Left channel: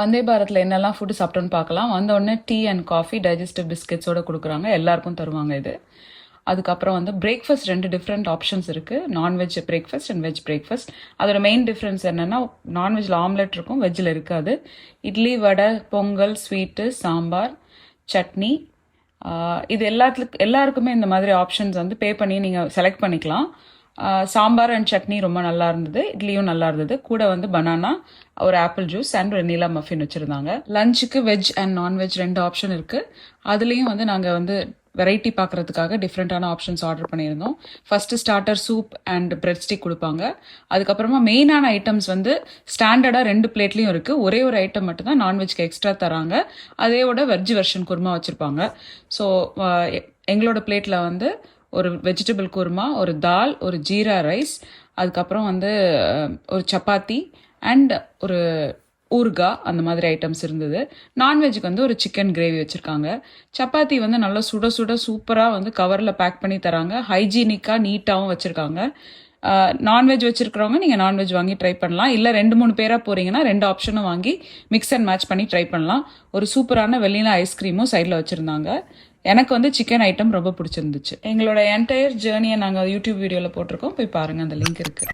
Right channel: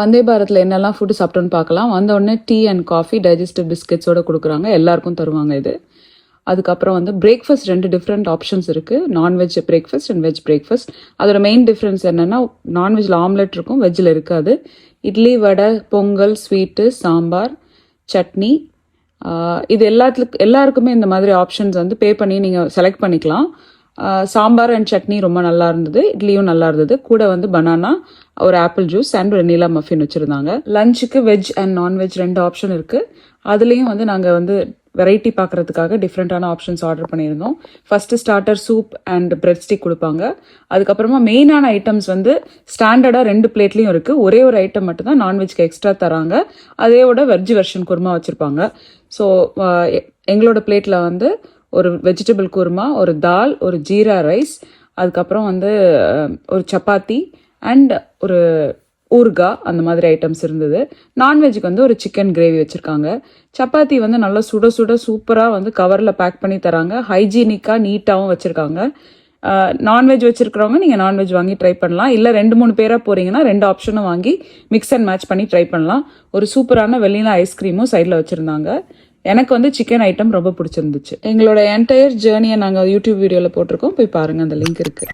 வந்தே பாரத்தில் என்னெல்லாம் ஃபுட்டு சாப்பிட்டோன்னு பார்க்கலாம். வந்த உடனே டீ அண்ட் காஃபி டைஜஸ்டிவ் பிஸ்கெட்ஸோட கொடுக்குறாங்க. எல்லாருக்கும் தருவாங்க இது. அதுக்கப்புறம் வந்து பிரேக்ஃபாஸ்ட் 2 டிஃப்ரெண்ட் ஆப்ஷன்ஸ் இருக்குது. Non veg breakfast and veg breakfast. அதோட மெயின் டிஃப்ரென்ஸ் என்னென்னா நான்வெஜ்ஜில் ஆம்லெட் இருக்கும், வெஜ்ஜில் இருக்காது. இட்லி, வடை, பொங்கல், ஸ்வீட்டு, சாம்பார், சட்னி, இது எல்லாருக்குமே இந்த மாதிரி ஆப்ஷன்ஸ் வந்து பே பண்ணி நீங்கள் செலக்ட் பண்ணிக்கலாம். சாம்பார் அண்ட் சட்னி ரொம்ப நல்லா இருந்தது, இட்லியும் நல்லா இருந்தது. கூட வந்து பனானா, ஒரு ஆப்பிள் ஜூஸ் அண்ட் ஒரு நீலா மஃபின் வச்சுருந்தாங்க. லஞ்சுக்கு வெஜ் அண்ட் நான்வெஜ் 2 ஆப்ஷன் இருக்குது. அதுலேயும் வந்து நாங்கள் வந்து வெரைட்டி பார்க்குறதுக்காக டிஃப்ரெண்ட்டான ஆப்ஷன்ஸ் ஆர்டர் பண்ணியிருந்தோம். First starter soup and bread stick கொடுப்பாங்க. அதுக்கப்புறமா மெயினான ஐட்டம்ஸ் வந்து ஸ்டாண்டர்டாக 2 பிளேட்லேயும் இருக்குது. ஒரே ஒரு ஐட்டம் மட்டும் தான் நான்வெஜ்க்கு எக்ஸ்ட்ரா தராங்க. அதேவோட வெஜ் வெர்ஷன் குருமா வச்சுருப்பாங்க. ஸோ எங்களோட பிளேட்டில் வந்து ஒரு வெஜிடபிள் குருமா, ஒரு தால், ஒரு ஜீரா ரைஸ், அதுக்கப்புறம் வந்து ஒரு சப்பாத்தி அண்ட் ஒரு ஊறுகாய், அந்த மாதிரி ஐட்டம்ஸ் இருந்தது. நான்வெஜ்ஜுக்கு வந்து ஒரு சிக்கன் கிரேவி வச்சுருக்காங்க. சப்பாத்தி வந்து நல்லா சுட சுட சூப்பராக வந்து கவரில் பேக் பண்ணி தராங்க. ஹைஜீனிக்காக நீட்டாகவும் வச்சுருக்காங்க. நான்வெஜ் வச்சுருக்கிறவங்க நீங்கள் நான்வெஜ் வாங்கி ட்ரை பண்ணலாம். இல்லை 2-3 பேராக போகிறீங்கன்னா 2 ஆப்ஷனும் வாங்கி மிக்ஸ் அண்ட் மேட்ச் பண்ணி ட்ரை பண்ணலாம். ஒரு சூப்பரான வெள்ளினா ஐஸ்கிரீமும் சைடில் வச்சுருந்தாங்க. எனக்கு வந்து சிக்கன் ஐட்டம் ரொம்ப பிடிச்சிருந்துச்சு. எங்களோட என்டையர் ஜேர்னியை நாங்கள் யூடியூப் வீடியோவில் போட்டிருக்கோம், போய் பாருங்கள், அந்த லிங்க் இருக்குது.